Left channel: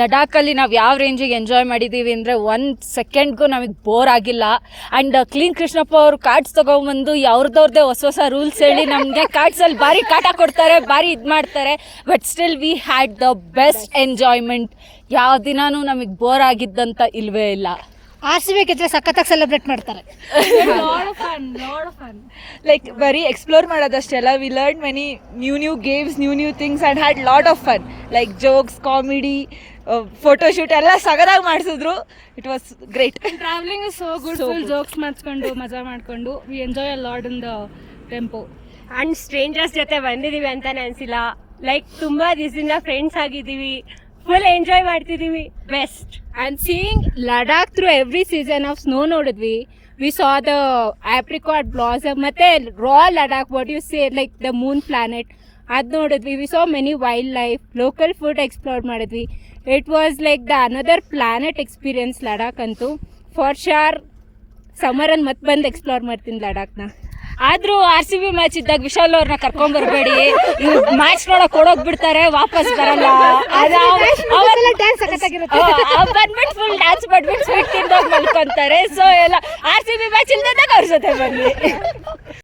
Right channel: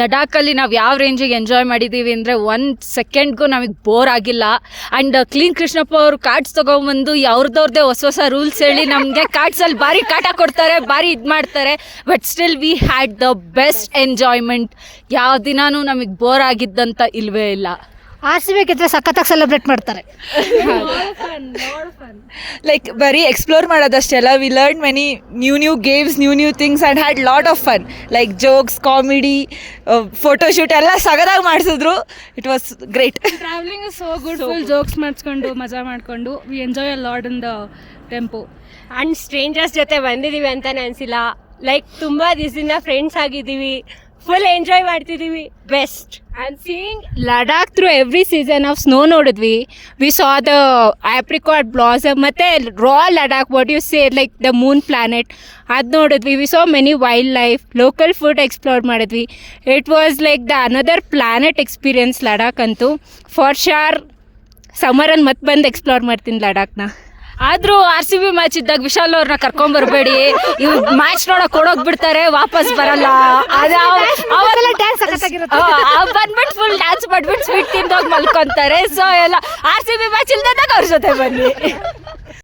ಲಡಾಖಲ್ಲಿ ನಾವು ಯಾವ ರೇಂಜಿಗೆ ಎಂಜಾಯ್ ಮಾಡಿದ್ದೀವಿ ಅಂದರೆ 1 ಸೆಕೆಂಡ್ಗೂ ನಮಗೆ ಬೋರ್ ಆಗಿಲ್ಲ. ಆ್ಯಂಡ್ ಕ್ಲೀನ್ ಕೃಷ್ಣಪ್ಪ ಅವರು ಕಾರ್ಡ್ಸ್ ತೊಗೊಂಬಂದು ಅವ್ರದ್ದೇ ಹೊಸ ರೂಲ್ಸ್ ಹೇಳಿ ನಮಗೆ ಕಾರ್ಡ್ಸಲ್ಲಿ ಭಾರಿ ಕಾಟ ಕೊಡ್ತಾರೆ, ಭಾರಿ ಇದು ಮಾಡ್ತಾರೆ. But still we had the best enjoyment. ಯಾವ ದಿನಾನೂ ನಮಗೆ ಬೋರ್ ಆಗಿದ್ದಂತ ಇಲ್ವೇ ಇಲ್ಲ. RCB ಗೆದ್ರೆ ಸಖತ್ತಾಗಿ ಸೆಲೆಬ್ರೇಟ್ ಮಾಡ್ತಾರೆ. ಲೈಕ್ ಬರೀ ಎಕ್ಸ್ಪ್ಲೋರ್ ಮಾಡೋದಷ್ಟೇ ಅಲ್ಲ, we learn many new games, new things and had lot of fun. Like jokes, comedy, photoshoot ಎಲ್ಲ ಸಗದಾಗಿ ಮಾಡಿಸಿದ್ರು. It was great. Travelling is so good. Full jokes ಮಾಡಿಸ್ಕೊಂಡು ಮಜಾ ಮಾಡಿಕೊಂಡು V enjoy a lot in the tempo. And stranger's ಜೊತೆ ಬಂದಿದ್ದೀವಿ ಅಂತಾನೆ ಅನಿಸಿಲ್ಲ. Like ತುಂಬ ದಿವಸದಿಂದ ಫ್ರೆಂಡ್ಸ್ ಆಗಿದ್ದೀವಿ, ಫುಲ್ ಎಂಜಾಯ್ ಮಾಡ್ತಿದ್ದೀವಿ. Best. And seeing Ladakh through every season of snow ನೋಡಿದ್ವಿ. We saw the apricot blossom ಮತ್ತೆ raw Ladakh, what you say, like the moon planet, ಅದು ನೋಡಿದ್ವಿ. We saw many wildlife, local food explore ಮಾಡಿದ್ವಿ. It was like the another planet experience Ladakh ಅಂತೂ. For sure ಸಮ್ಮರಲ್ಲಿ ಮತ್ತೆ ಬಂದು explore ಮಾಡ್ತೀನಿ ಲಡಾಖ್ನ. ಆದರೂ RCB ಮ್ಯಾಚ್ ಇದ್ದಾಗ ವಿಶಾಲ್ ಅವ್ರನ್ನ ಕರ್ಕೊಂಬರ್ಬೇಡಿ. ಇವ್ ಮ್ಯಾಚ್ ನೋಡಕ್ ಓಡೋಗ್ಬಿಡ್ತಾರೆ, ವಾಪಸ್ ಬರಲ್ಲ. ಬಂದ್ಬಿಟ್ಟು ಫುಲ್ ಡ್ಯಾನ್ಸ್ ಮಾಡ್ಬಿಟ್ಟು ಸ್ವೀಟ್ ತಿಂದೋಗಿ ಮಲ್ಕೊಂತಾರೆ. ಸೊ ಎಲ್ಲ RCB ಮ್ಯಾಚ್ ಇಲ್ದಾಗ ಅವ್ರ ಜೊತೆ ಬನ್ನಿ.